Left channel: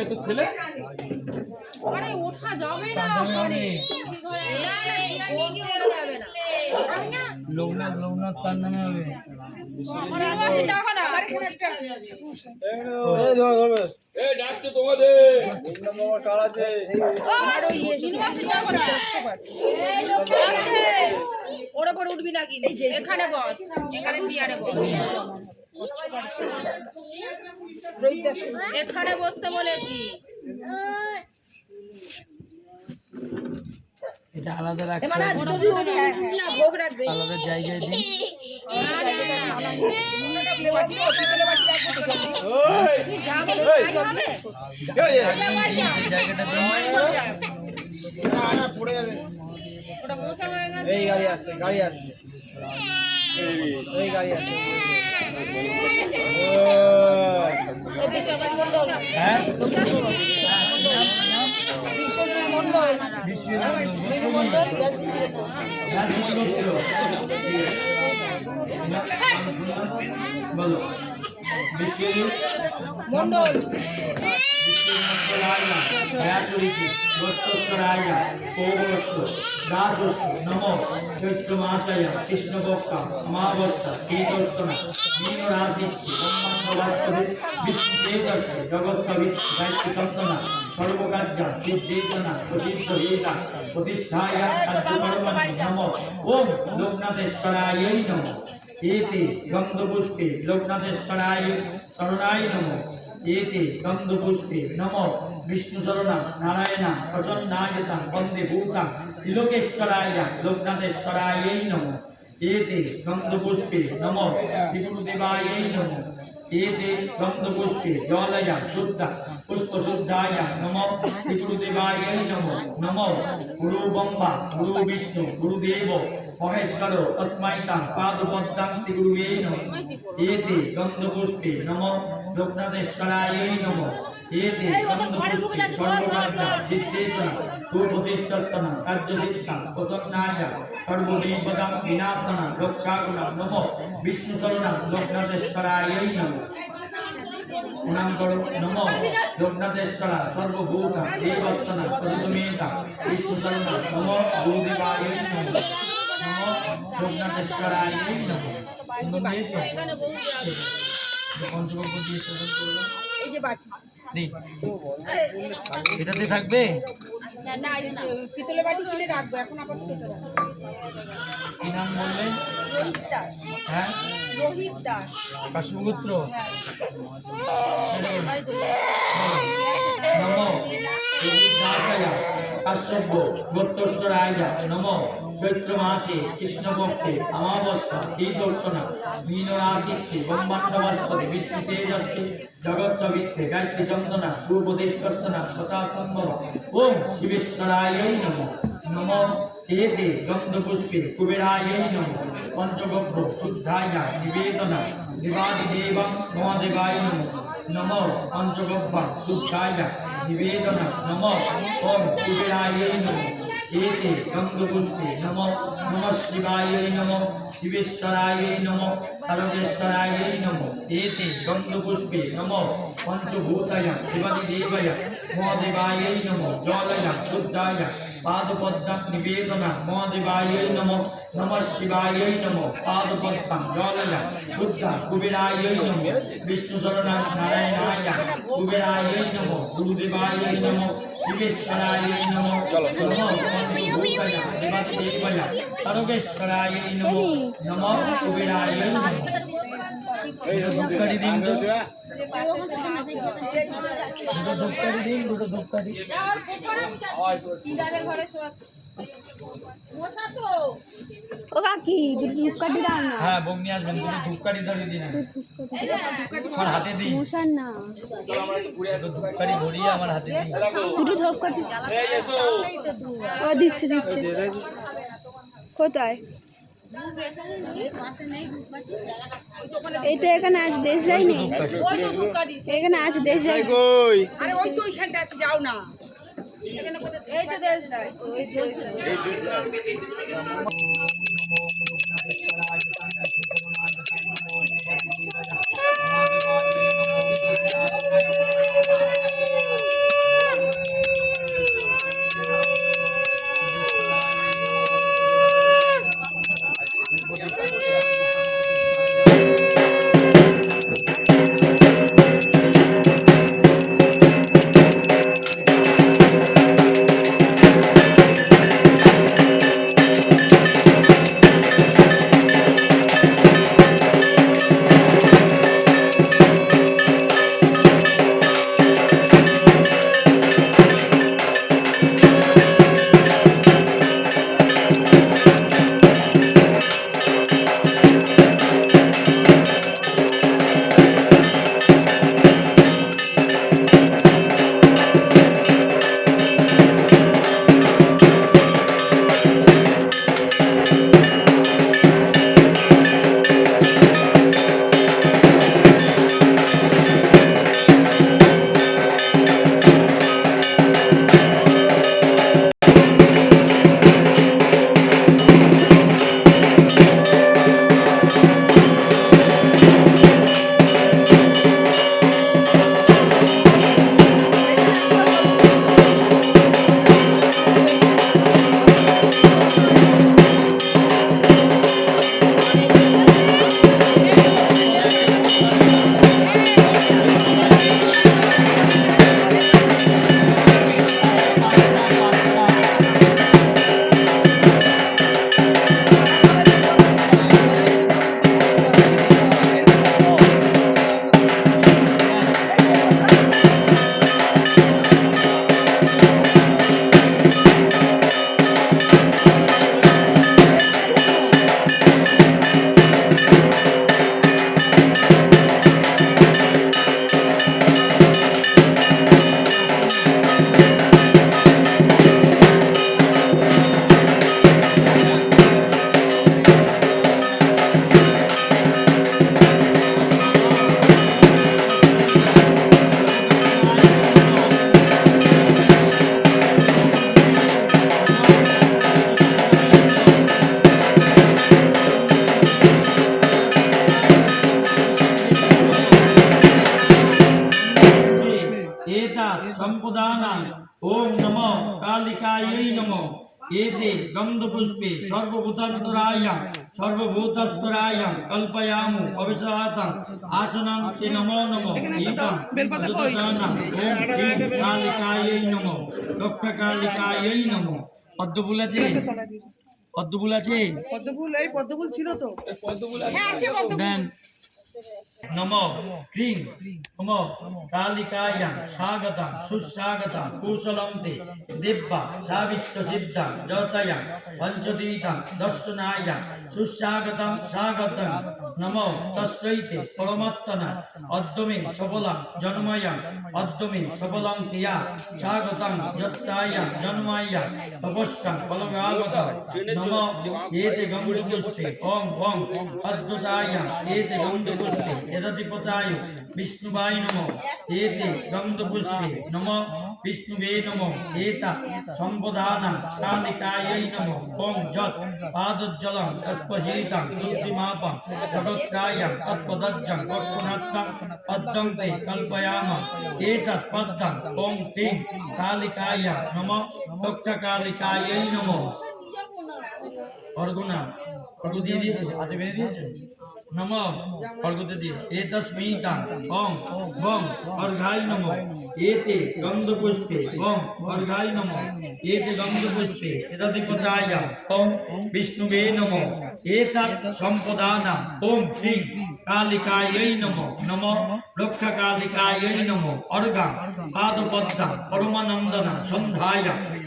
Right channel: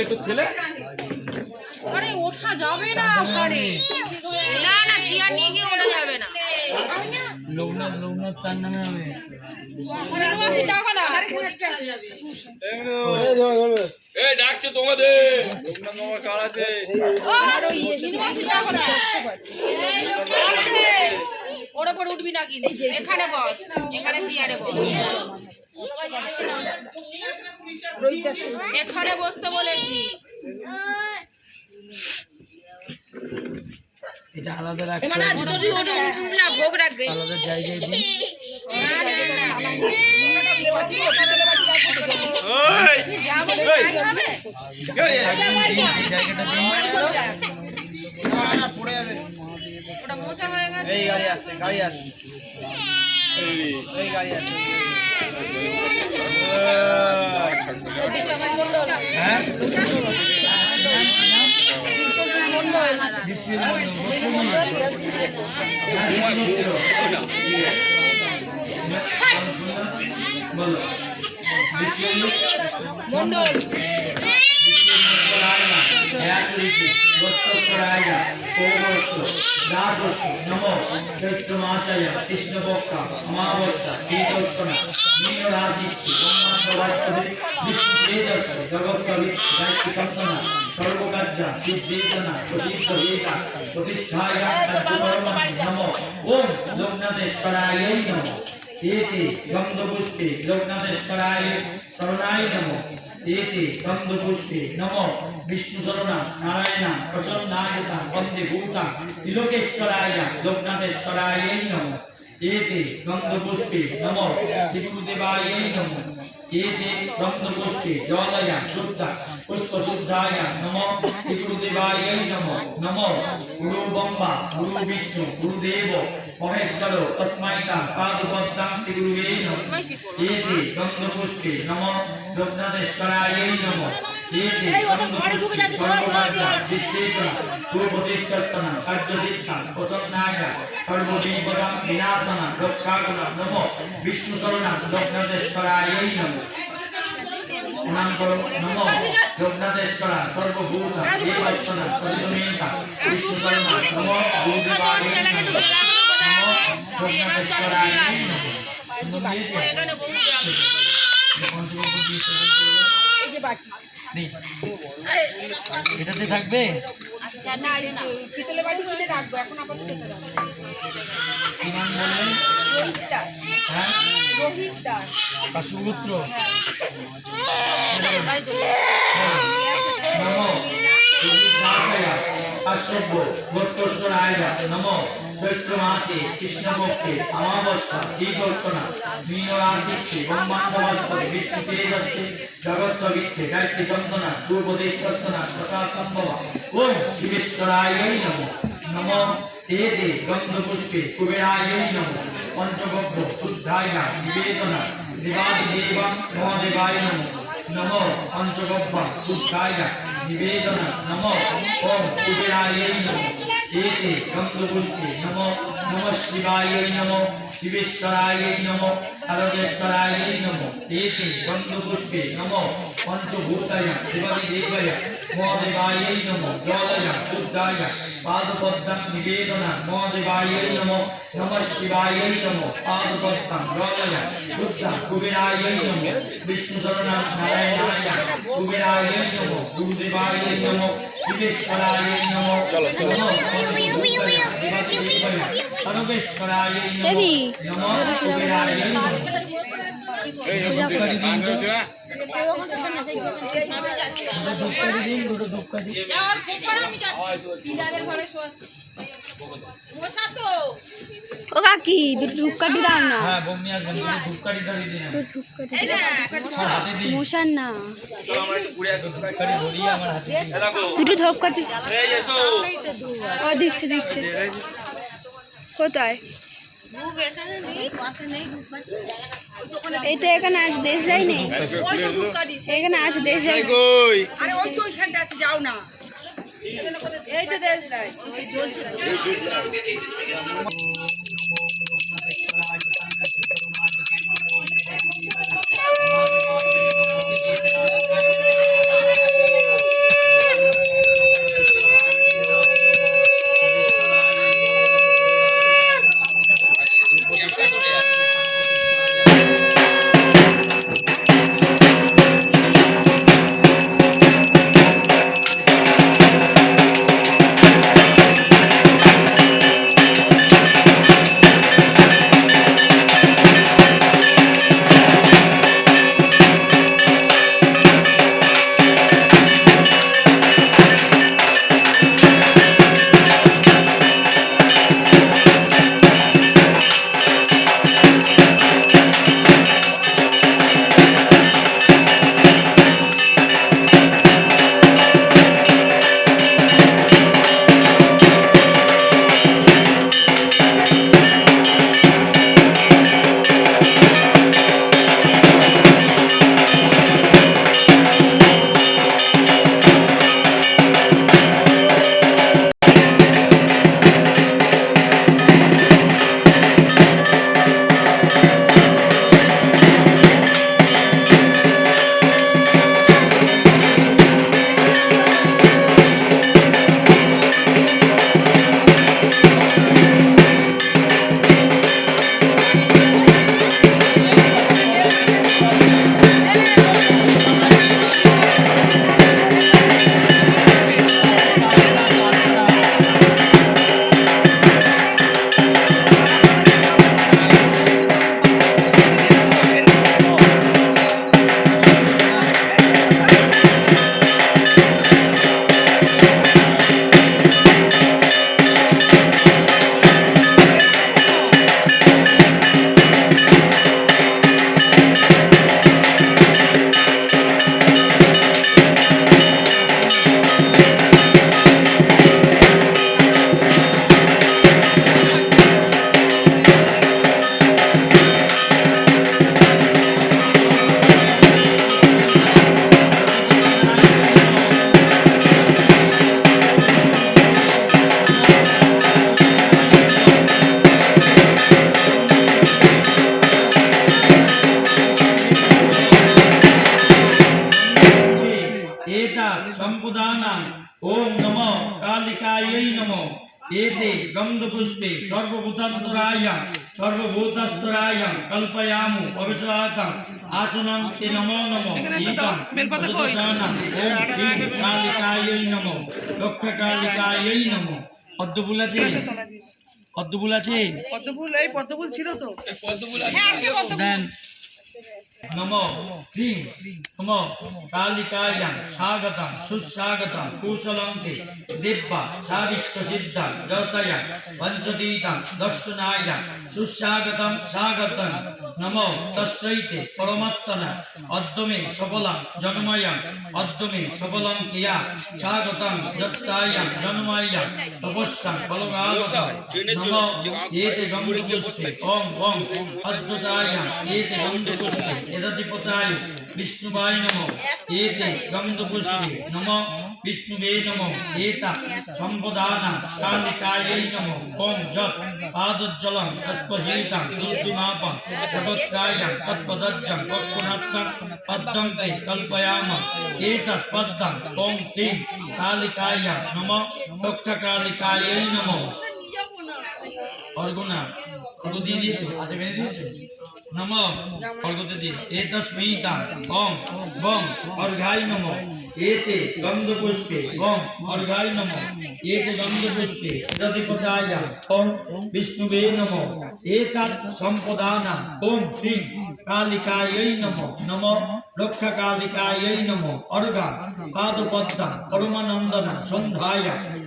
এই তো ছেলে আরে ওঠা যাবে না ওখানে না না চেয়ার নিয়ে গিয়ে ওঠা যাবে না লোকনাথ তার নামে হবে এই ডাকছে তোমাদের লোকনাথ মামা কার আছে ওর উপর উঠবি না কিন্তু এখানে বস এখানে চেয়ারে বস এখানে বসতে বলেছি এটা আলাদা রাখতে না ভোগ রাখবে আলাদা জায়গায় দিন জায়গাটা দিন ওটা মোছা হয়ে গেছে এই গাড়ি আসছে এই গাড়ি আসছে হ্যাঁ বলো মন্ডল নমো চৈত্র মাসায় কৃষ্ণপক্ষ অমাবস্যা শীতোত্তনা মীন রাশিষ্টি ব্রহ্মাণ্ডবাস্তবে বিষ্ণু তেজস্ব জগৎসবি গায়ত্রী কল্পনা সর্বকার্যা সিদ্ধেশনা প্রসিদ্ধ বেদা প্রতিষ্ঠায়া কার্যকরমণি নমো ওম লোকনাথেশ্বরায় নমো एते गंधपुष्पे लोकनाथेश्वराय शरणाय नमो एते गंधपुष्पे नमो विष्णु शरणा नारायण प्रसन्नायता वंदे भूता त्रिलोकेश्वराय लोकनाथेश्वराय नमो एते गंधपुष्पे नमो त्रिभुदेवाय नमो एते गंधपुष्पे जलया शुद्ध पुष्प शुद्धाय नमो त्रिभुदेवाय नमो नमो गुरु ब्रह्मा गुरु विष्णु गुरुदेव महेश्वर तस्मैता पादपद्मं श्रीगुरुवे नमः एते गंधपुष्पे नमो लोकनाथेश्वराय नमः एते गंधपुष्पे सर्वकार्य सिद्धेश्वर सुप्रतिष्ठितः कार्यसिद्धा प्रसन्नाय सर्वविपदां विनाशना रक्षागुणा नमो विष्णुशरणं लोकनाथेश्वराय नमः प्रणाम करो नमो लोकनाथेश्वरा सर्वभूत देवस्तना परिसमेता विष्णुशरणं नमो गुरुदेवाय नमः नमो लोकनाथेश्वराय नमः এটাতে থাকবে পিতলের বাটি কিনে রাখবো এখন আপাতত কি নাম বললে হ্যাঁ রোহিত দাস আর সুপুত্র নমো দাসায় কাশ্যপ গোত্রেশ্বরায় নমো চৈত্র মাসে কৃষ্ণপক্ষে অমাবস্যা শীতোত্তনা মীন রাশিষ্টি ব্রহ্মাণ্ডবাস্তবে বিষ্ণু তেজস্বে জগৎসবিত্তে গায়ত্রী চন্দনা সুপ্রতিষ্ঠনা তথা সম্ভবা ওম শিবেশ্বরায় নমো নমো एते गंधपुष्पे कुबेराय नमो पंचगव्य शुद्धाय निवेदना देवादिदेवं महादेवाय नमो नमो पंचगव्य शुद्धाय निवेदना नमो ओम कुबेराय नमो एते गंधपुष्पे नमो नमः शिवाय नमो शिवेश्वराय नमो सर्वेश्वराय नमो एते गंधपुष्पे नमो पंचभूताय देवादिदेवाय महादेवाय नमो जलय शुद्धाय पादपद्मं निवेदना महादेवाय नमो नमः शिवाय नमो पादपद्मं जलय शुद्ध कुबेराय नमो विष्णुशरणं नारायणाय कुबेराय नमो गुरुदेवाय नमो शिवेश्वराय नमो नमो पंचभूताय देवादिदेवाय सर्वेश्वराय नमो नमो कुबेराय नमो দুটো ধূপকাঠি ও কাকি দুটো ধূপকাঠি দাও না। হ্যাঁ বমি আসবেন দুটো ধূপকাঠি ধরে দিন আমার হাতে দিন মশার না ধূপকাঠি ধরিয়ে আমার হাতে দিন দুটো ধূপকাঠি ও দিচ্ছে কোথায় এই তো এখানে আছে দেশ যায়নি এখানে আছে দেশ যাই আরে ওই তো ওইখানটা আছে যাও না এই তো দেশ নাই সম্পদানাং ওম নমো কালিকাयै নমো एते गन्धपुष्पे सर्वभूतात्तरायं कल्पयामु अविश्वासं आसनं ते नमो नमो ईदं अजोतसानं ओम श्री कालिकायै नमो रक्षकालिकायै नमो पद्मफुल আছে পদ্মফুল আছে পদ্মফুল ছিল তো দেন नमो क्रीं नमो कालिकायां स्वागतं सुस्वागतं कुशलं ते दिव्या साविष्टसिद्धां जतयां पंचतीतं दर्शनायां सुस्वागतं स्वागतं नमो तस्मै ते परमात्मने अद्यमे सकलं जन्मयं अद्यमे सकलं क्रिया स्वागतं जत्तायां जन्मायां तपस्यां फलगावतं नमो एते गंधपुष्पे ओम ओम अद्भुतायां एते गंधपुष्पे यदधिपताय विष्णुवाय नमो एते गंधपुष्पे नमो विष्णुवे नमो एता संपदानां कालिकायै नमो ओम जत् पादोज्जलं तत्पहीतं शुद्धिमापं जगत्त्रायं तत्पदज्जं पक्वनात्मं पद्मं ते कल्पयामः एतत् पद्मं ओम क्लीं कालिकायै नमो रक्षकालिकायै नमो अर्गुना अर्घ দিয়ে দিয়েছো হাতে বেঁধে দিয়েছো नमो अर्घ्य दिए एतस्मिता ओम बम अर्घाय नमो एते गंधपुष्पे ओम अर्घाय नमो एते गंधपुष्पे यदधिपताय ओम विष्णुवे नमो एतत् संपदानां ओम श्री कालिकायै नमो नमो रक्षकालिकायै नमो अर्घं पादपद्मं परमानन्दनं सन्धाय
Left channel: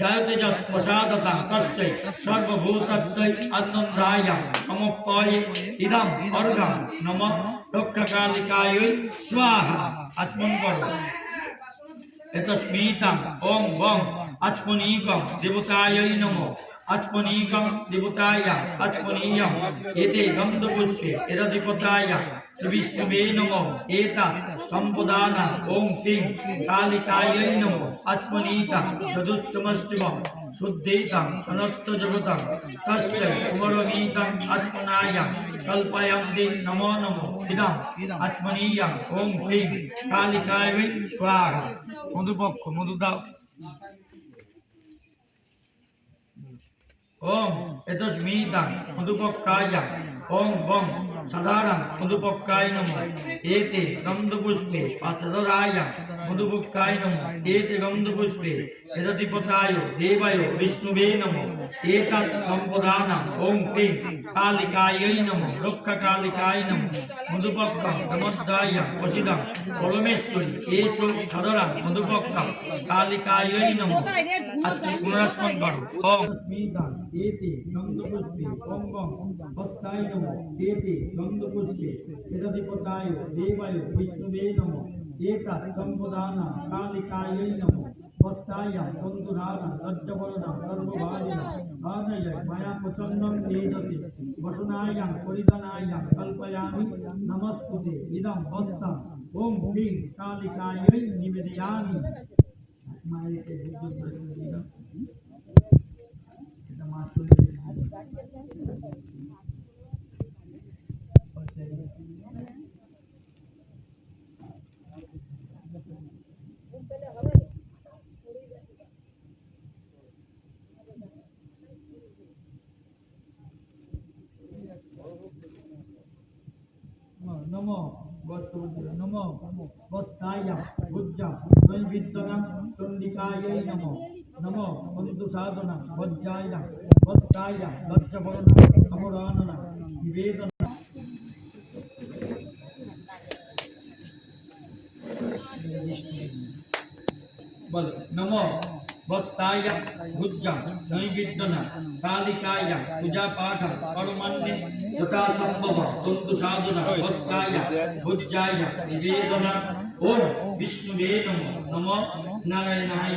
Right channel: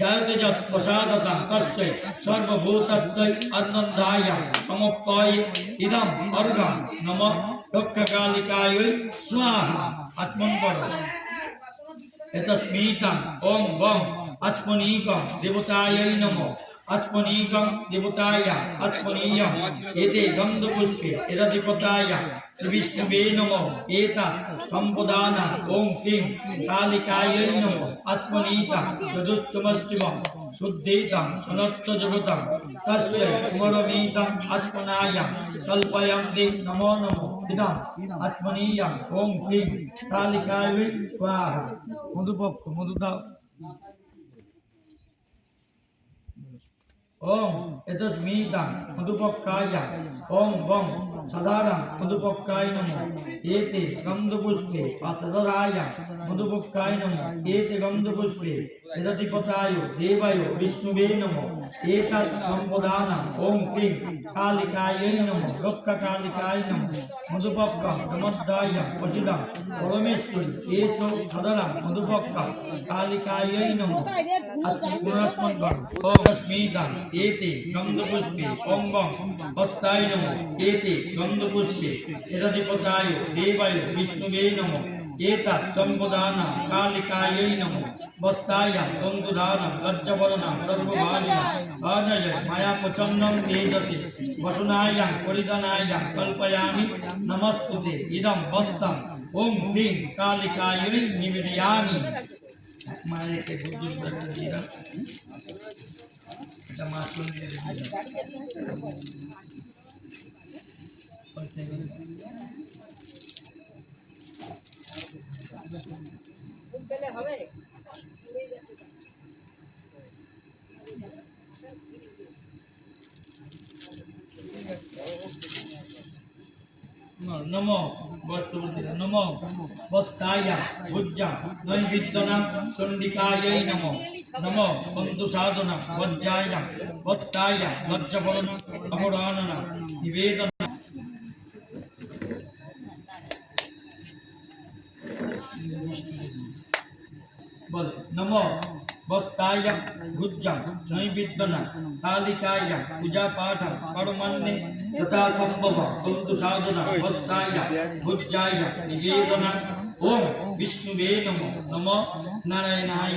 जयते जत् प्रसादतं तस्यै सर्वभूतत्वै आनन्दाय समर्पये इदं अर्घं नमो रक्षकालिकायै स्वाहा आत्मन करो एतस्मितं ओम वम आत्मनीकं देवतायै नमो आत्मनीकं देवताय आत्मनीयं एते गंधपुष्पे यदधिपताय श्रीविष्णुवे नमो एतत् संपदानां ओम क्लीं कालिकायै नमो आत्मनीतं यदुच्चमस्तिवं शुद्धेतं सनत्त जगतं तस्यै कुमरमीतं आत्मनायं कल्पयन्ते नमो नमो इदं आत्मनीयं ओम क्लीं कालिकायै स्वाहा मधुपक्ष मधु दाओ ओम एतस्मितं मधुपक्कायं ओम वम साधारण मधुपक्काय नमो एते गंधपुष्पे पाचदरायं मधुपक्काय नमो एते गंधपुष्पे यदधिपताय देवाय विष्णुवे नमो एतत् संपदानां ओम क्लीं कालिकायै नमो रक्षकालिकाय नमो मधुपक्कं नमोद्दायं वसिदं परमेश्वरी एषो साधारण मधुपक्कं कालिकायै नमो पुनरात्मन करो ओम अस्मितं एते गंधपुष्पे ओम वम हस्ताय नमो एते गंधपुष्पे यदधिपताय देवाय विष्णुवे नमो एतत् संपदानां कालिकायै नमो वस्तायां गंधुधारं लज्जवरणां सर्वभागिनां आनय माया प्रचण्डं तेजसि वसुनायां परिधानायां कल्पयामि नमस्तुते इदं वस्त्रम् ओम क्लीं कालिकायै निवेदयामि मायके बुद्धि दिना এটা মাছুল দিয়ে नमो नमो वस्ताय भुज्जा नैवेद्यनं चण्डिकायै नमो नमो बन्धुसाधनं वज्राय वस्ताय लज्जफलनं अमराननं निवेदनं बोल नमो वस्ताय भुज्जं नैवेद्यनं कालिकाय पूजा पाठं कर्मण्ये तथा संभव बन्धुसाधनं वस्ताय भुज्जाय निवेदनं ओम विष्णुवे नमो नमो नारायणाय